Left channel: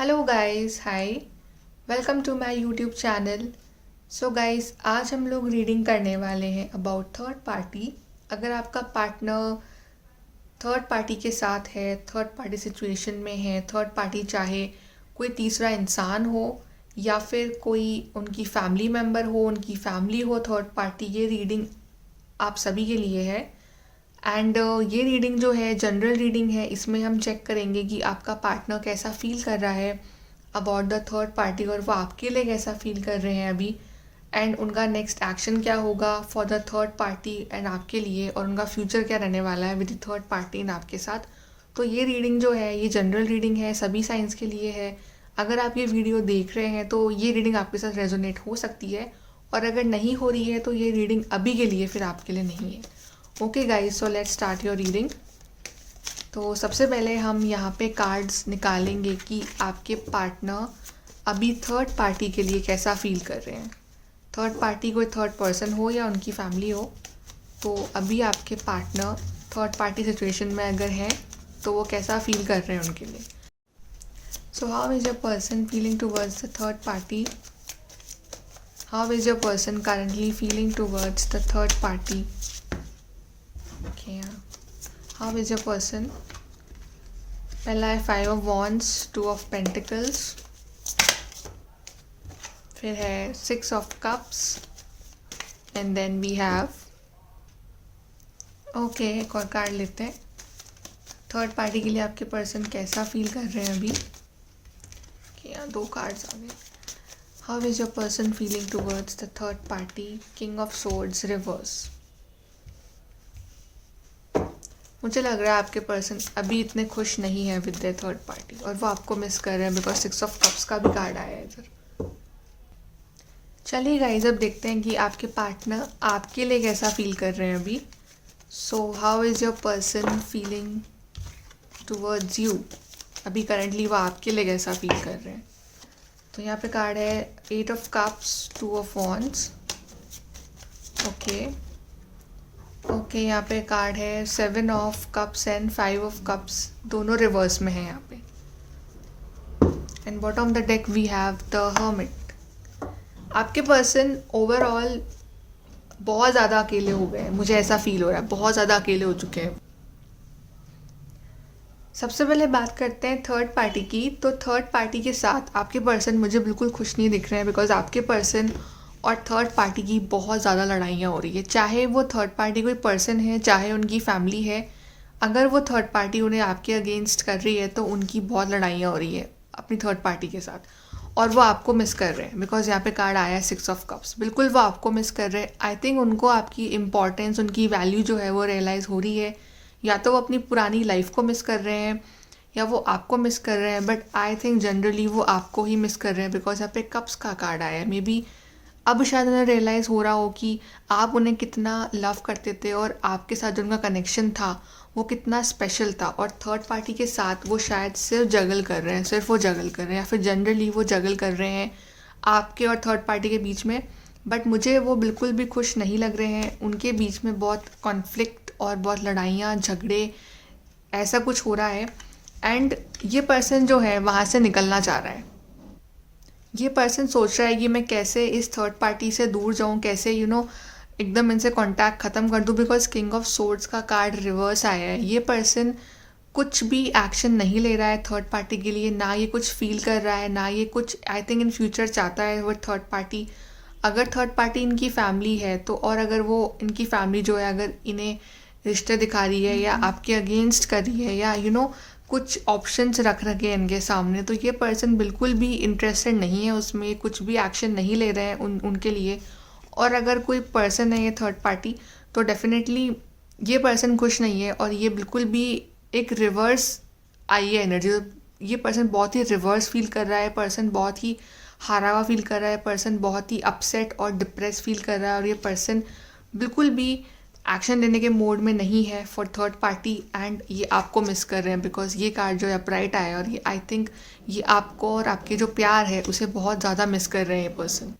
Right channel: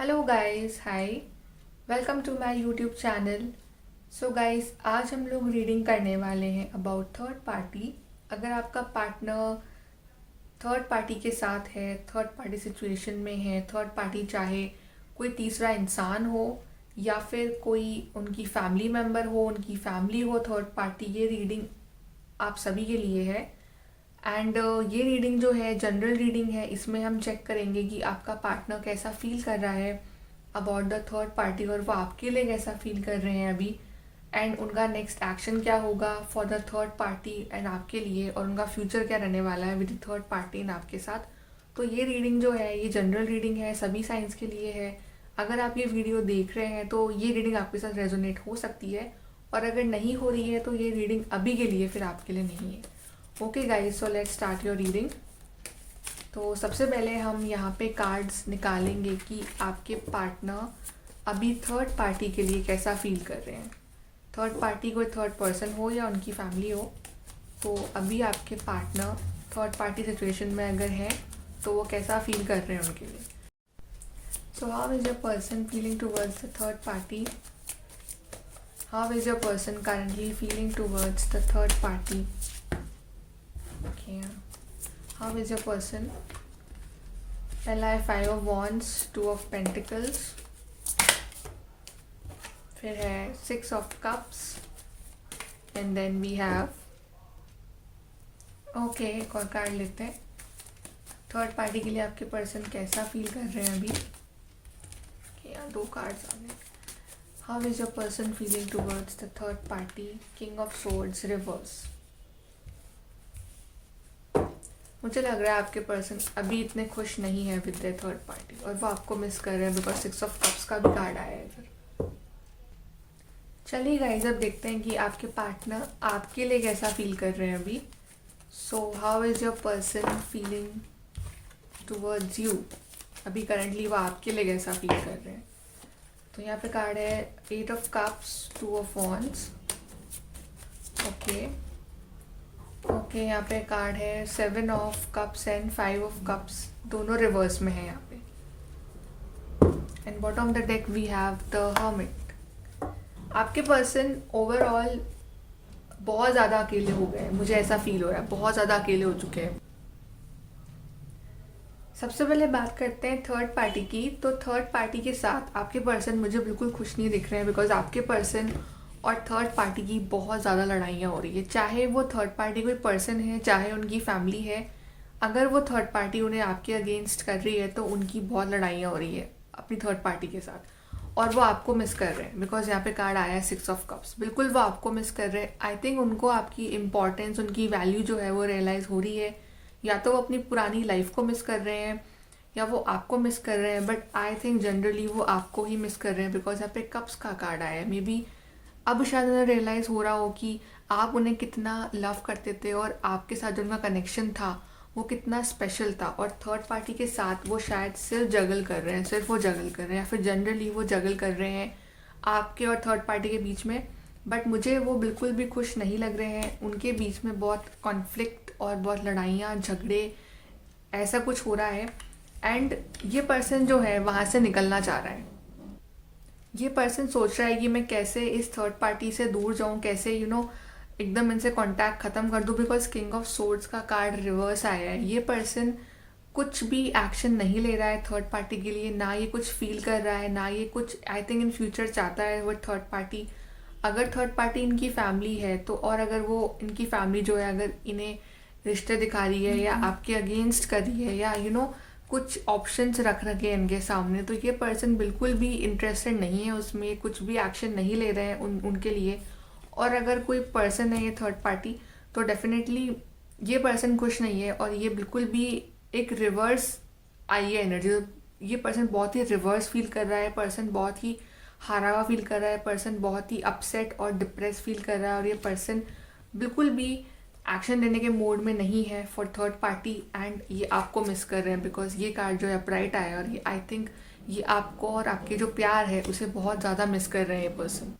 Hello guys, hi. Welcome to my YouTube channel. So guys, आज हम लोग reading करने वाले हैं अबाउट थर्ड पार्टी। अगर आपका पार्टनर थर्ड पार्टी के साथ है, थर्ड पार्टी सिचुएशन में है, थर्ड पार्टी चाहे कोई तीसरा इंसान हो या फिर कोई उनकी फैमिली मेम्बर हो, उनकी फैमिली हो थर्ड पार्टी, ये रीडिंग आप सभी के लिए है। एंड ये रीडिंग जो है जनरल रीडिंग है। इसमें हम चेक करेंगे कि आपका पार्टनर कैसा फील कर रहा है अबाउट द थर्ड पार्टी और वो आपके लिए कैसा फील कर रहे हैं अभी, एंड उनका नेक्स्ट एक्शन क्या होगा for the third party and आपके लिए, और उनका फ्यूचर क्या रहने वाला है with the third party and आपके साथ। तो ये रीडिंग जो है ये जनरल रीडिंग है, सभी साइंस के लिए है। अगर आप ये वीडियो देख रहे हैं तो ये रीडिंग आपके साथ रेजोनेट हो सकती है, और अगर नहीं हो रही है तो ये रीडिंग अभी के लिए फिर आपके लिए नहीं है। Okay guys, so let's start your reading. तो सबसे पहले हम यहाँ पे कार्ड्स निकालेंगे कि आपके पार्टनर अभी थर्ड पार्टी के लिए कैसा फील कर रहे हैं। थर्ड पार्टी कोई थर्ड पर्सन हो या उनकी फैमिली हो, तो अभी आपके पार्टनर थर्ड पार्टी सिचुएशन में अगर है तो वो कैसा फील कर रहे हैं उनके लिए। So how is your person feeling towards the third party? How is your person currently feeling towards the third party? Okay, how is your person? पहला है 5 ऑफ वॉन्ड्स, 2 ऑफ पेंटिकल्स, फिर है 6 of cups, and then we have okay, एक और card लेते हैं। Third party के लिए आपके पर्सन कैसा फील कर रहे हैं अभी? यहाँ 2 कार्ड्स आ गए। How is your person feeling towards the third party? King of swords reverse. मुझे लग रहा है आपके पर्सन अभी इतने खुश नहीं है विद द थर्ड पार्टी और वो आपको मिस कर रहे हैं, बिकॉज 6 ऑफ कप्स का भी कार्ड आया है इधर। चलिए गाइस, अब देखते हैं कि आपके पार्टनर आपके लिए कैसा फील कर रहे हैं अभी। So how is your person feeling towards you? अभी करंटली वो आपके लिए कैसा फील कर रहे हैं? तो यहाँ पे कार्ड है 8 of cups, 2 of wands. Okay okay, यहाँ पे कार्ड है 7 of cups and 5 of cups, दोनों रिवर्स में है यहाँ पे। And bottom of the deck we have the hermit. आपके पर्सन ओवरऑल बहुत ज़्यादा अकेले हो गए हैं, मुझे ऐसा फील हो रहा है, बहुत ज़्यादा अकेले हो चुके हैं। सबसे पहले बात करते हैं थर्ड पार्टी की। तो थर्ड पार्टी के साथ आपके पर्सन मुझे बिल्कुल खुश नहीं दिख रहे हैं, बिकॉज आपके पर्सन और थर्ड पार्टी की बहुत ज़्यादा लड़ाइयाँ हो रही है। चाहे वो थर्ड पार्टी कोई पर्सन है, चाहे उनकी फैमिली है, अगर वो थर्ड पार्टी उन्हें आपके अगेंस्ट कर रही है तो उनकी बहुत लड़ाइयाँ हो रही है अपनी थर्ड पार्टी के साथ, और वो आपको मिस कर रहे हैं। बिकॉज यहाँ पे कार्ड आया है 6 ऑफ कप्स, बिल्कुल वो आपको मिस कर रहे हैं। आई थिंक उनको आपकी इम्पोर्टेंस, उनकी वैल्यू जो है वो रियलाइज़ हो रही है। या तो वो अपनी पुरानी लाइफ को मिस कर रहे हैं या वो आपको मिस कर रहे हैं, बट आई थिंक जनरली वो आपको ही मिस कर रहे हैं, बिकॉज यहाँ पे कप्स का कार्ड आया है। मे बी अब शायद उन्हें रियलाइज़ हो रहा हो कि आप उन्हें कितना लव करते थे और आपके साथ जो उनका कनेक्शन था वो कितना स्पेशल था, और थर्ड पार्टी के साथ वो शायद सिर्फ जगल कर रहे हैं, सिर्फ वो जगल कर रहे हैं, या फिर जनरली वो जगल कर रहे हैं आपके और थर्ड पार्टी के बीच में। बट मुझे वो बिल्कुल भी खुश नहीं लग रहे हैं। उनके बीच में बहुत कॉन्फ्लिक्ट और बहुत लड़ाइयाँ, झगड़े, ऐसा कुछ हो रहा है। एंड ये पर्सन जो है वहाँ से निकलना चाह रहा है। ये पर्सन सोच रहा है कि मैं कैसे इस थर्ड पार्टी से दूर जाऊँ, कैसे एकदम इनसे कांटेक्ट ख़त्म कर दूँ, बिकॉज किंग ऑफ सोर्ड्स का कार्ड रिवर्स आया है। ये पर्सन कुछ भी एक्शन नहीं ले रहा है थर्ड पार्टी के लिए, ना ये कुछ फील कर रहा है, ना ये कुछ आई थिंक इन फ्यूचर चाहता है वो थर्ड पार्टी। अगर थर्ड पार्टी इनकी फैमिली है तो, और अगर वो इनकी फैमिली जो है अगर इन्हें रिश्ते दिखा रही है या आपके अगेंस्ट कर रही है, या कुछ ऑप्शंस रख रखे हैं इनके सामने, तो ये पर्सन बिल्कुल भी इंटरेस्टेड नहीं है उसमें, कुछ भी एक्शन नहीं ले रहे हैं उनके लिए। और अगर कोई पर्सन है ये थर्ड पार्टी, तो डेफिनेटली ये पर्सन खुश नहीं है, और ये बिल्कुल भी एक रिवर्स आई है एनर्जी। ये पर्सन बहुत ही रिवर्स फील कर रहा है, पर्सन बहुत ही हारा हुआ फील कर रहा है, पर्सन बहुत ही अपसेट और डिप्रेस फील कर रहा है, और ये पर्सन बिल्कुल भी एक्शन लेने के मोड में नहीं है फॉर थर्ड पार्टी, एंड ये आपको मिस कर रहे हैं, बिकॉज ये कार्ड जो है अपराइट आया, और ये आई थिंक ये आपको और आपके जो प्यार है उसे बहुत ज़्यादा मिस कर रहे हैं ये पर्सन।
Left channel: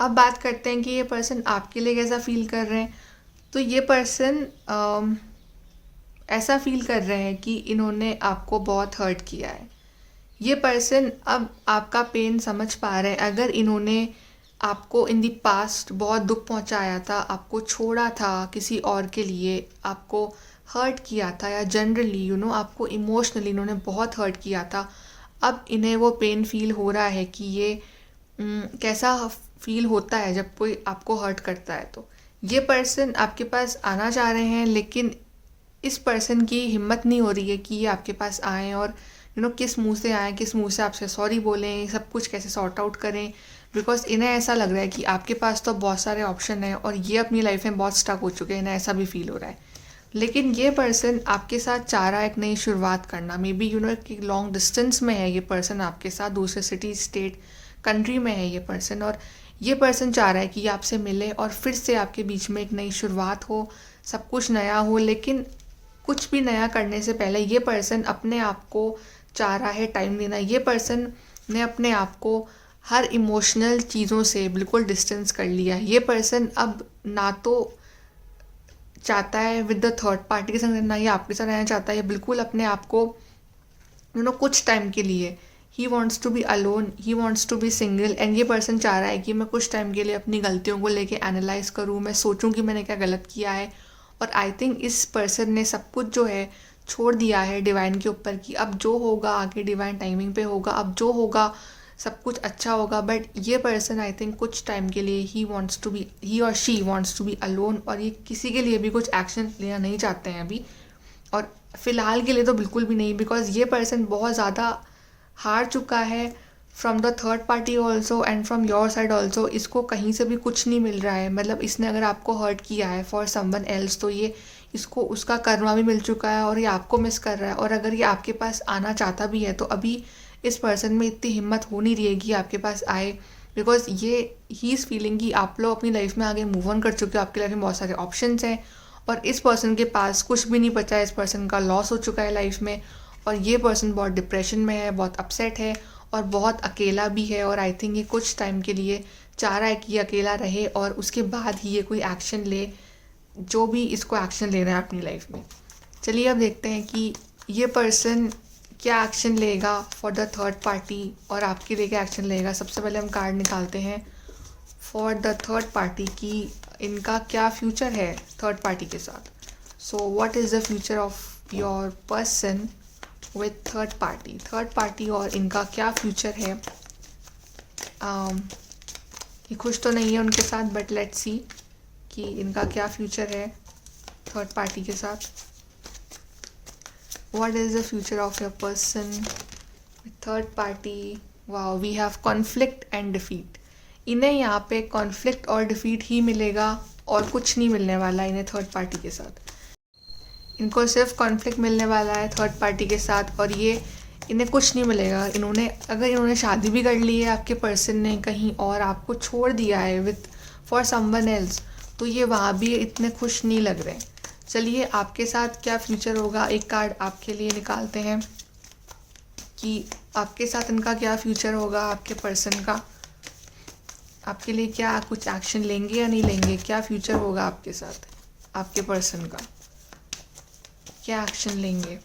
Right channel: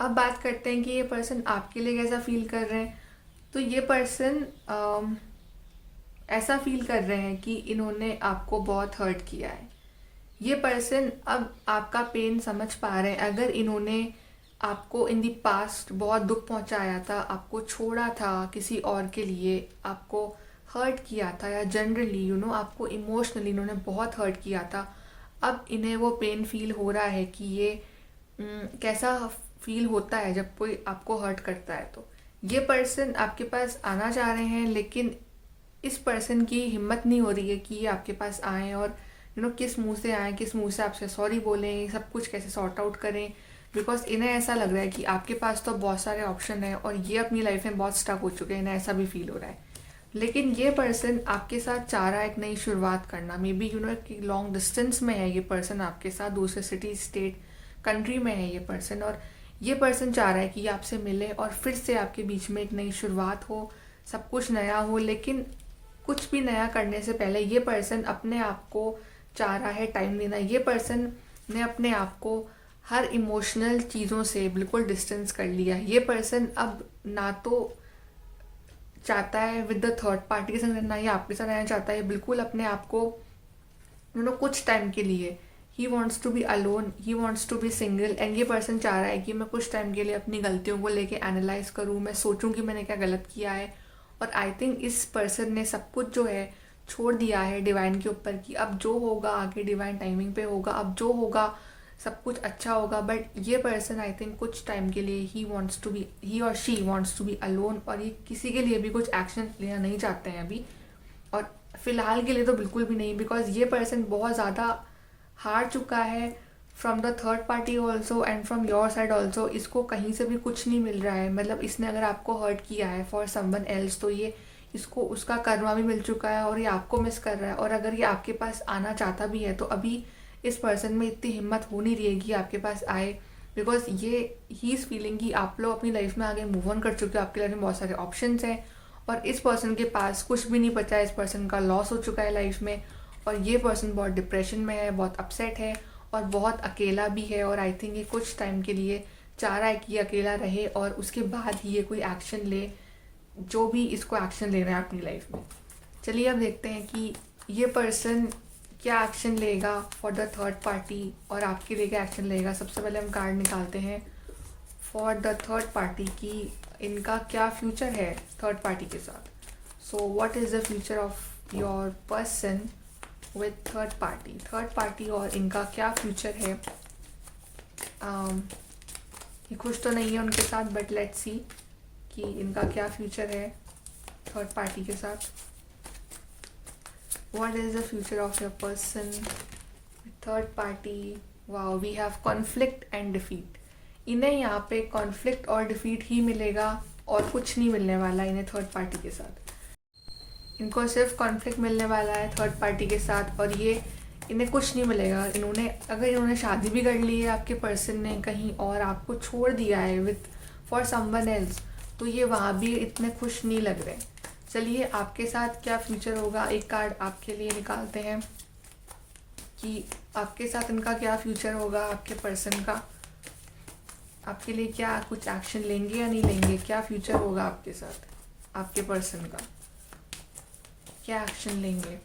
अब बात करते हैं कि ये पर्सन आपके लिए कैसा फील कर रहे हैं। तो ये पर्सन ऐसा फील कर रहे हैं कि इन्होंने आपको बहुत हर्ट किया है। ये पर्सन अब आपका पेन समझ पा रहे हैं। अगर इन्होंने आपको इन दी पास्ट बहुत दुख पहुंचाया था, आपको छोड़ा था किसी और के लिए, आपको हर्ट किया था, या जनरली आपको इमोशनली इन्होंने बहुत हर्ट किया था, अब इन्हें वो पेन फील हो रहा है कि ये कैसा फील होता है जब कोई आपको हर्ट करता है। तो ये पर्सन आपके पास आना चाह रहे हैं, लेकिन इस पर्सन की हिम्मत नहीं हो रही है कि ये आपके पास आएँ और किस मुंह से आएँ, किस मुंह से आपसे सॉरी बोलें, सब कुछ कैसे सॉर्ट आउट करें। बिकॉज इन्हें ऐसा लग रहा है कि आपके पास तो बहुत सारे ऑप्शन हैं और ये अपनी लाइफ में बहुत स्टक हो चुके हैं, इन्हें ऐसा भी फील हो रहा है। लेकिन ये पर्सन आपके साथ चाह रहा है एक नई शुरुआत करना। मे बी कि लॉन्ग डिस्टेंस में है ये पर्सन आपके साथ, दूसरे सिटी, स्टेट, कंट्री में है ये पर्सन, और ये पर्सन चाह रहा है कि आपसे मिले और फिर से आपके बीच में एक नई शुरुआत हो, सब कुछ नया हो। लेकिन कुछ भी नया करने से पहले ये पर्सन अपने आप को चाह रहा है टाइम देना। ये पर्सन ने अपने आप को हर इमोशनल चीज़ों से बिल्कुल डिस्टेंस कर लिया है। ये पर्सन अब ना तो चाहता है विद द थर्ड पार्टी के संग रहना, या आपके साथ रहना चाहता है। बिल्कुल अपने आप को कुछ टाइम के लिए he wants to be alone, he wants to be single. And ये पर्सन चाह रहा है कि मैं कुछ टाइम के लिए अपनी गलतियों को लेके एनालाइज करूँ, मैं सोचूं कि मैंने क्या गलत किया है। और आई थिंक इस पर्सन ने सब कुछ जो है छोड़ दिया है डिवाइन के ऊपर, कि अब जो होगा आगे डिवाइन टाइमिंग पे होगा, अब जो होगा सब कुछ अच्छा होगा। बट ये पर्सन आई थिंक कुछ टाइम के लिए ही और she wants to be alone, और ये किसी के लिए भी कुछ एक्शन लेना नहीं चाहते हैं अभी, और फिलहाल के लिए तो बिल्कुल भी नहीं। बिकॉज ये पर्सन बहुत ज़्यादा हार चुका है from the third party also and from your side also. इसको कहीं से भी कुछ नहीं मिल रहा है। मतलब इसने अगर आपको हर्ट किया है फॉर समवन एल्स, तो ये इसको उसका कर्मा भी मिल चुका है और ये आपको मिस कर रहा है। और अगर ये आपके पास आना चाहता भी है तो अभी इस पर्सन में इतनी हिम्मत हो नहीं रही है कि आपके पास आए, बिकॉज ये ही इज़ फीलिंग कि आप लोग अपनी लाइफ में आगे मूव ऑन कर चुके हो, आपकी लाइफ में बहुत सारे ऑप्शंस हैं और इस पर्सन के पास कुछ भी नहीं बचा है। इस पर्सन का लॉस हो चुका है लाइफ में, और ये पर्सन बहुत डिप्रेशन में है, बहुत अपसेट है और बहुत अकेला भी है। और आई थिंक ये कुछ टाइम के लिए चाह रहा है कि ये अकेला रहे और उसके बाद ही ये कोई एक्शन ले, जो भी इसको एक्शन लेना है अपनी लाइफ में। चलिए अब देखते हैं कि ये पर्सन क्या एक्शन लेगा फॉर द थर्ड पार्टी और आपके लिए क्या एक्शन लेगा। सबसे पहले हम कार्ड निकालते हैं फॉर द थर्ड पार्टी कि इनका क्या फ्यूचर है थर्ड पार्टी के साथ। So what is the future of your person with third party और इनका क्या फ्यूचर है। ये खुश तो नहीं है उनके साथ, बट लेट्स सी कि इनका क्या फ्यूचर है थर्ड पार्टी के साथ। What is the future of your person with third party. Wow, we have conflict and defeat. इन्हें यहाँ पे कॉन्फ्लिक्ट और डिफीट ही मिलेगा और कुछ नहीं मिलने वाला इन्हें थर्ड पार्टी के साथ। इनको सिर्फ कॉन्फ्लिक्ट मिलने वाला है थर्ड पार्टी के साथ, और ये इन्हें कुछ नहीं मिलेगा। अगर इन्होंने शादी भी कर ली है आपके पर्सन ने कहीं और आपको छोड़ दिया है विथ फॉर समवन एल्स, तो ये वहाँ भी इतने खुश नहीं लग रहे। चलिए आपके साथ क्या फ्यूचर होगा, एक कार्ड आपके लिए निकालते हैं कि आपके साथ इनका क्या फ्यूचर होगा। आपके पर्सन का आपके लिए क्या कुछ एक्शन लेंगे या नहीं लेंगे, क्या फ्यूचर होगा आपके साथ, आपके पर्सन का क्या एक्शन लेंगे।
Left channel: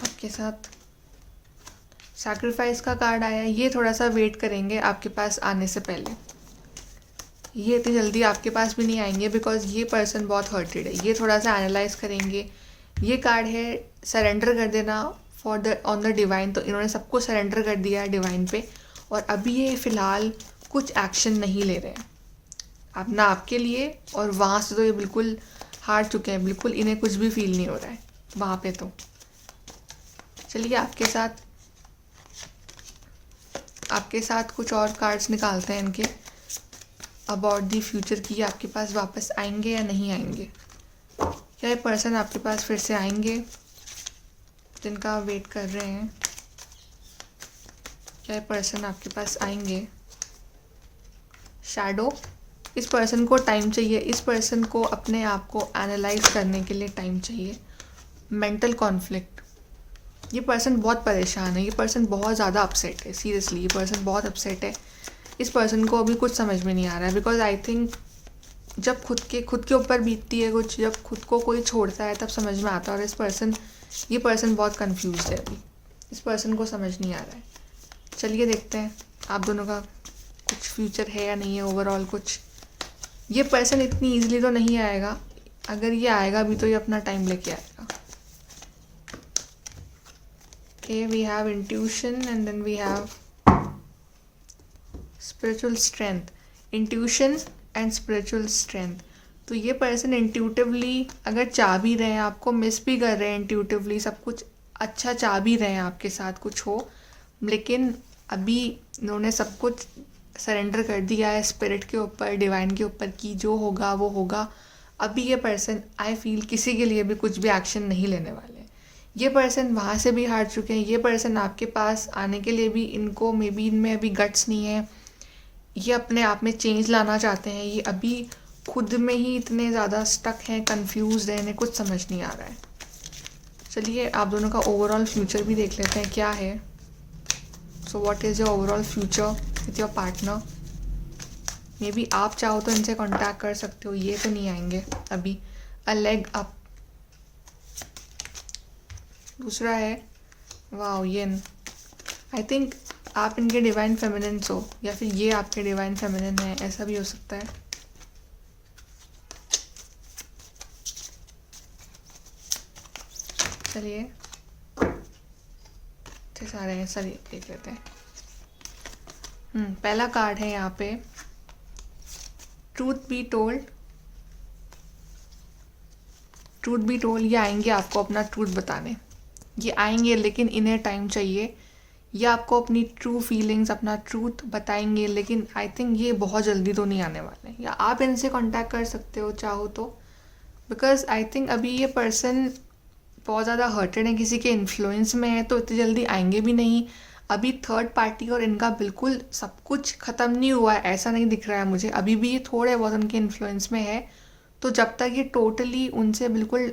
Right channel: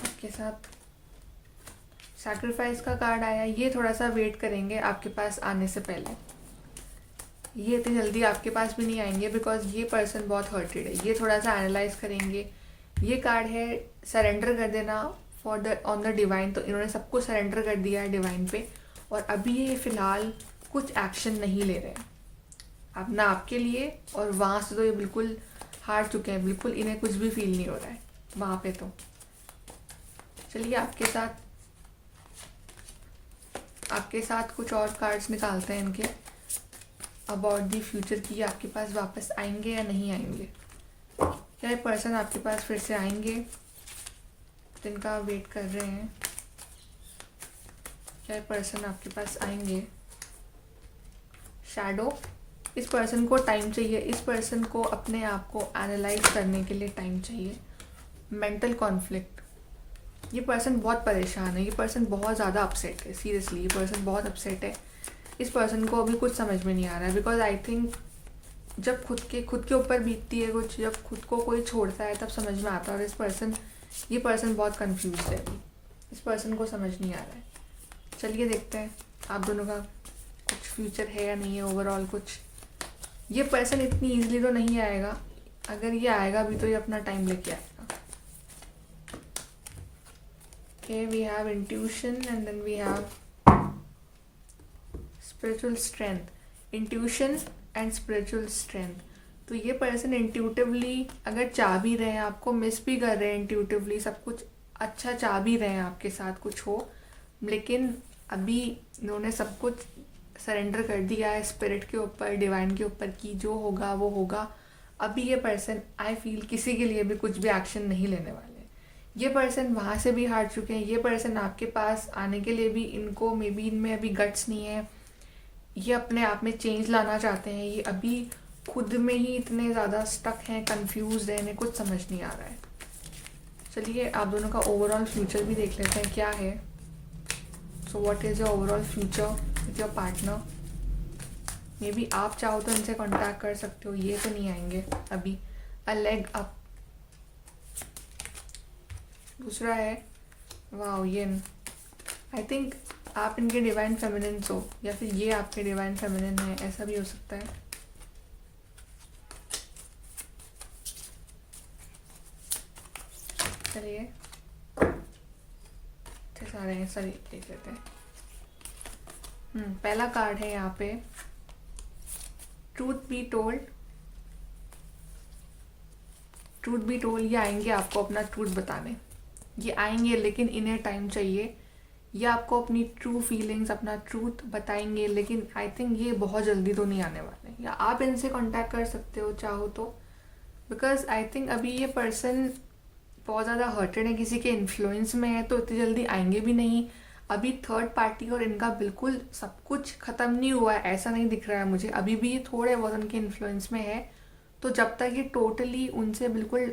आपके साथ सैक्रिफाइस का कार्ड आया, ये थोड़ा सा वेट करेंगे आपके पास आने से पहले। ये इतनी जल्दी आपके पास भी नहीं आएंगे बिकॉज ये पर्सन बहुत हर्टेड है। ये थोड़ा सा एनालाइज करेंगे। ये कार्ड है सरेंडर कर देना for the on the divine. तो इन्होंने सबको सरेंडर कर दिया है डिवाइन पे, और अभी ये फ़िलहाल कुछ एक्शन नहीं ले रहे हैं अब ना आपके लिए, और वहाँ से तो ये बिल्कुल हार चुके हैं, बिल्कुल इन्हें कुछ भी फील नहीं हो रहा है वहाँ पे। तो चलिए आपके साथ कुछ और कार्ड्स निकालते हैं इनके अबाउट दी फ्यूचर की आपके पास वापस आएंगे या नहीं आएंगे। क्या ये पर्सन आपके पास फिर से आएंगे जिनका वेट कर रहे हैं, क्या ये पर्सन आपके पास आएंगे। शैडो, इस पर्सन को टाइम चाहिए, इस पर्सन को अपने आप को एनालाइज करने के लिए टाइम चाहिए। मेंटल कॉन्फ्लिक्ट, ये पर्सन बहुत परेशान है, ये पर्सन बहुत ज़्यादा अपसेट है। सीरियसली ये पर्सन बहुत अपसेट है। इस पर्सन को अभी कुछ समझ में नहीं आ रहा है बिकॉज आई थिंक जब खुद के ऊपर बीतती है कुछ, जब खुद को कोई छोड़ता है तब समझ में आता है। और ये पर्सन बहुत कंफ्यूज है अभी, इस पर्सन को समझ नहीं आ रहा है। चलिए देखते हैं आप दोनों का कुछ फ्यूचर है या नहीं है ओवरऑल कुछ। ये पर्सन इतनी ईजिली तो नहीं आएगा, अगर ये आएगा भी तो ये अपना टाइम लेके आएगा। Okay, we have intuition and then we have spiritual strength. Intuition and spiritual strength. तो ये पर्सन इंट्यूटिवली अगर चाह भी रहे हैं, आपको मिस भी कर रहे हैं, इंट्यूटिवली सब कुछ अच्छा चाह भी रहे हैं आपके साथ कुछ हो, लेकिन अभी इन्होंने सब कुछ सरेंडर कर दिया है स्पिरिट के ऊपर, डिवाइन के ऊपर कि जो होगा वो होगा। अभी ये पर्सन आई फील किसी के लिए भी कुछ भी एक्शन नहीं लेने वाले। ये पर्सन वहाँ से भी हार चुके हैं। ये पर्सन आपके पास आने के लिए भी इनको मे बी इनमें अभी गट्स नहीं है। ये अपने आप में चेंज लाना चाहते हैं। ये अभी खुद में ही इतने ज़्यादा स्टक हैं, कंफ्यूज हैं, इन्हें कुछ समझ नहीं आ रहा है। चलिए आप दोनों का ओवरऑल फ्यूचर भी देख लेते हैं क्या है। So what is your overall future with your partner. May be आप चाहो तो इनसे कॉन्टैक्ट कर सकते हो, ये तो नहीं आएंगे अभी। अ लेग अप। दूसरा है वाओ येन। आई थिंक आप इनके डिवाइन फेमिनिन हो या फिर ये आपके डिवाइन फेमिनिन है, ऐसा भी हो सकता है। चलिए अच्छे सारे हैं, सभी देख लेते हैं। पहला कार्ड है यहाँ पे truth be told. Truth be told, ये आएंगे आपको अपना ट्रूथ बताने। ये आएंगे लेकिन इन्हें टाइम चाहिए। ये आपको अपनी ट्रू फीलिंग्स, अपना ट्रूथ बताएंगे, लेकिन आई थिंक ये बहुत जल्दी तो नहीं आने वाले। या आप इनसे कांटेक्ट कर सकते हो चाहो तो, बिकॉज आई थिंक अभी ये पर्सन बहुत ज़्यादा हर्टेड है, किसी के इन्फ्लुएंस में है, तो इतनी जल्दी आएंगे भी नहीं। अभी थर्ड पार्टी और इनका बिल्कुल सब कुछ ख़त्म नहीं हुआ है, ऐसा नहीं दिख रहा है मुझे। अभी भी ये थोड़े बहुत उनके इन्फ्लुएंस में है। तो जब तक ये टोटली उनसे बिल्कुल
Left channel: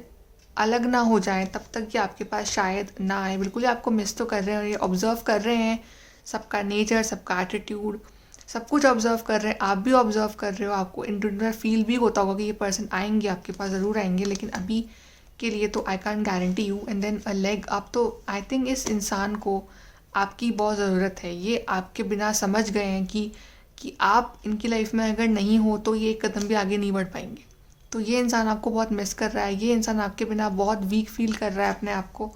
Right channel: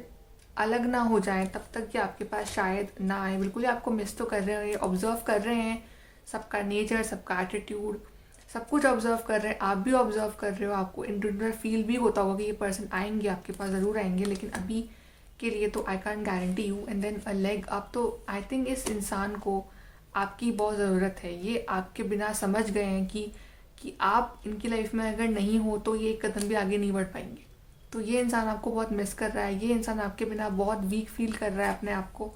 अलग ना हो जाए तब तक ये आपके पास शायद ना आए। बिल्कुल ही आपको मिस तो कर रहे हैं, ये ऑब्जर्व कर रहे हैं सबका नेचर, सबका एटीट्यूड, सब कुछ ऑब्जर्व कर रहे हैं। आप भी ऑब्जर्व कर रहे हो, आपको इंटरनल फील भी होता होगा कि ये पर्सन आएंगे आपके पास, ज़रूर आएंगे, लेकिन अभी के लिए तो I can't guarantee you. And then a leg up, तो आई थिंक इस इंसान को आपकी बहुत ज़रूरत है। ये आपके बिना समझ गए हैं कि आप इनकी लाइफ में अगर नहीं हो तो ये एक कदम भी आगे नहीं बढ़ पाएंगे। तो ये इंसान आपको बहुत मिस कर रहा है। ये इंसान आपके बिना बहुत वीक फील कर रहा है अपने आप को।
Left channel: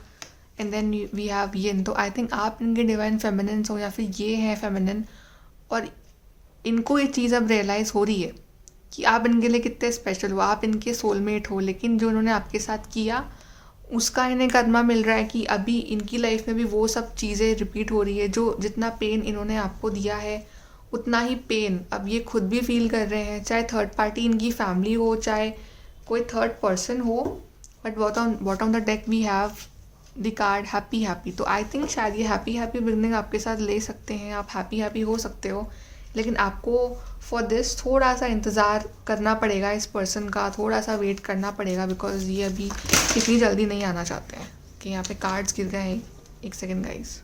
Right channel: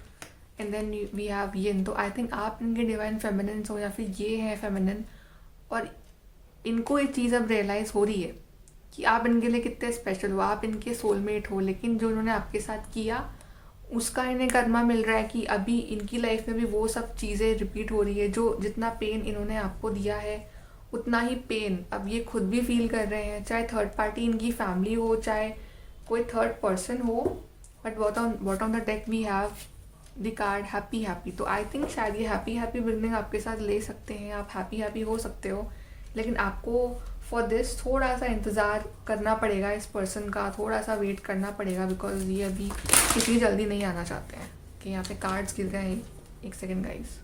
एंड देन वी हैव येन। तो आई थिंक आप इनके डिवाइन फेमिनिन हो या फिर ये है फेमिनिन, और इनको ये चीज़ अब रियलाइज़ हो रही है कि आप इनके लिए कितने स्पेशल हो, आप इनके सोलमेट हो। लेकिन जो उन्होंने आपके साथ किया उसका इन्हें कदमा मिल रहा है कि अभी इनकी लाइफ में भी वो सब चीज़ें रिपीट हो रही है। जो जितना पेन इन्होंने आपको दिया है उतना ही पेन अब ये खुद भी फील कर रहे हैं, चाहे थर्ड पार्टी इनकी फैमिली हो, चाहे कोई थर्ड पर्सन हो। But bottom the deck we have the card happy happy. तो आई थिंक शायद ये हैप्पी हैप्पी बिगनिंग आपके साथ ले सकते हैं, आप हैप्पी हैप्पी हो सकते हो। लेकिन आपको फॉर दिस थोड़ा सा इंतज़ार करना पड़ेगा, इस पर्सन का थोड़ा सा वेट करना पड़ेगा, बिकॉज ये अभी इतनी जल्दी नहीं आना चाहते हैं। कि यहाँ पे कार्ड्स गिर गए हैं, एक सेकेंड गाइज।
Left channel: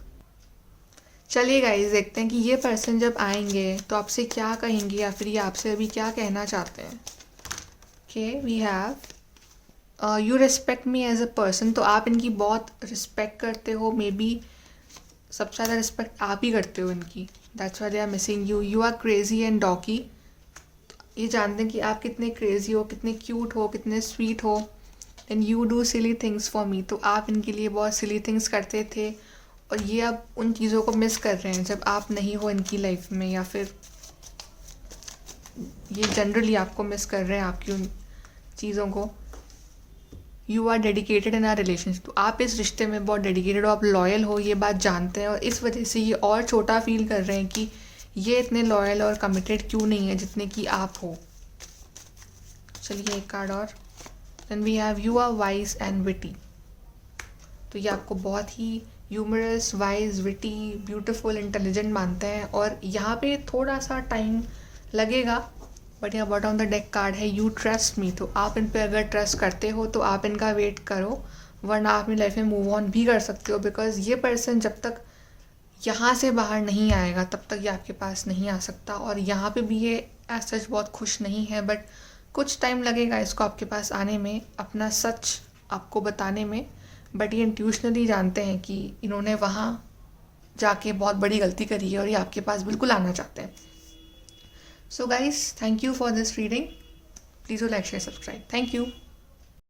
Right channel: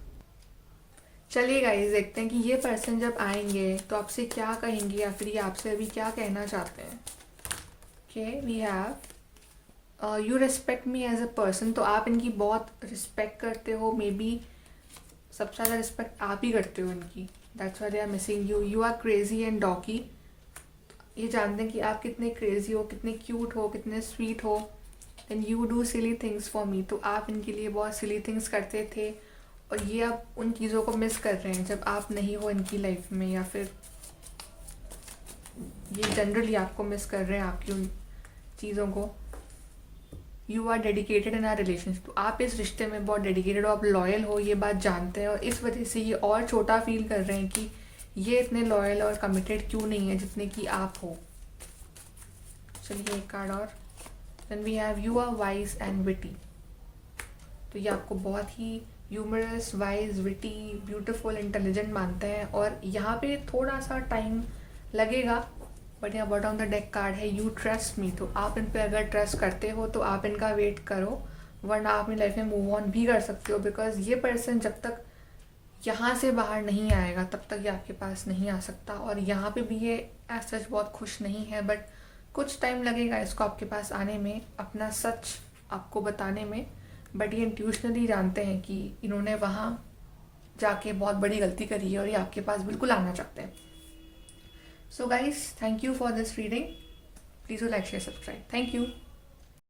चलिए गाइज देखते हैं कि ये पर्सन जब आएंगे तो आपसे क्या कहेंगे या फिर ये आपसे अभी क्या कहना चाहते हैं। Okay we have you respect me as a person. तो आप इनकी बहुत रिस्पेक्ट करते हो, मे बी सबसे ज़्यादा रिस्पेक्ट आप ही करते हो इनकी। That's why they are missing you. You are crazy and dorky. ये जानते हैं कि आप कितने क्रेजी हो, कितने क्यूट हो, कितने स्वीट हो। And you do silly things for me. तो आप इनके लिए बहुत सिली थिंग्स करते थे और ये अब उन चीज़ों को मिस कर रहे हैं जब आप नहीं हो इनकी लाइफ में, या फिर ये जनरली आपको मिस कर रहे हैं आपकी उन चीज़ों को। You are dedicated in our relationship. तो आप इस रिश्ते में बहुत डेडिकेटेड हो, आप लॉयल हो, ये बात जानते हैं, और इस वजह से ये और छोटा फील कर रहे हैं कि ये इतने लॉयल और कमिटेड क्यों नहीं है जितने कि आप हो। चलिए एक कार्ड और। Then we have you are wise and witty. तो ये आपको बहुत ही humorous, wise, witty, beautiful, intelligent मानते हैं, और यहाँ पे थोड़ा सा टाइम लगेगा। बट यहाँ बॉटम द डेक कार्ड है यू ट्रस्ट मी। तो आप इन पे अगर ट्रस्ट करते हो तो आप इनका वेट करो, वरना आप अपनी लाइफ में मूव ऑन भी कर सकते हो। बिकॉज ये पर्सन जब तक यहाँ से बाहर नहीं आएगा तब तक ये आपके पास नहीं आ सकता। और यहाँ पे भी ये एज सच बहुत खुश नहीं है, बट कुछ टाइम लगेगा इसको आपके पास आने में, अपना सच आपको बताने में, बट ये इंट्यूशनली जानते हैं कि इन्होंने वहाँ जाके बहुत बड़ी गलती करी है और ये आपके पास बिल्कुल आना चाहते हैं. So guys, thank you for this reading. Please do like share subscribe. Thank you.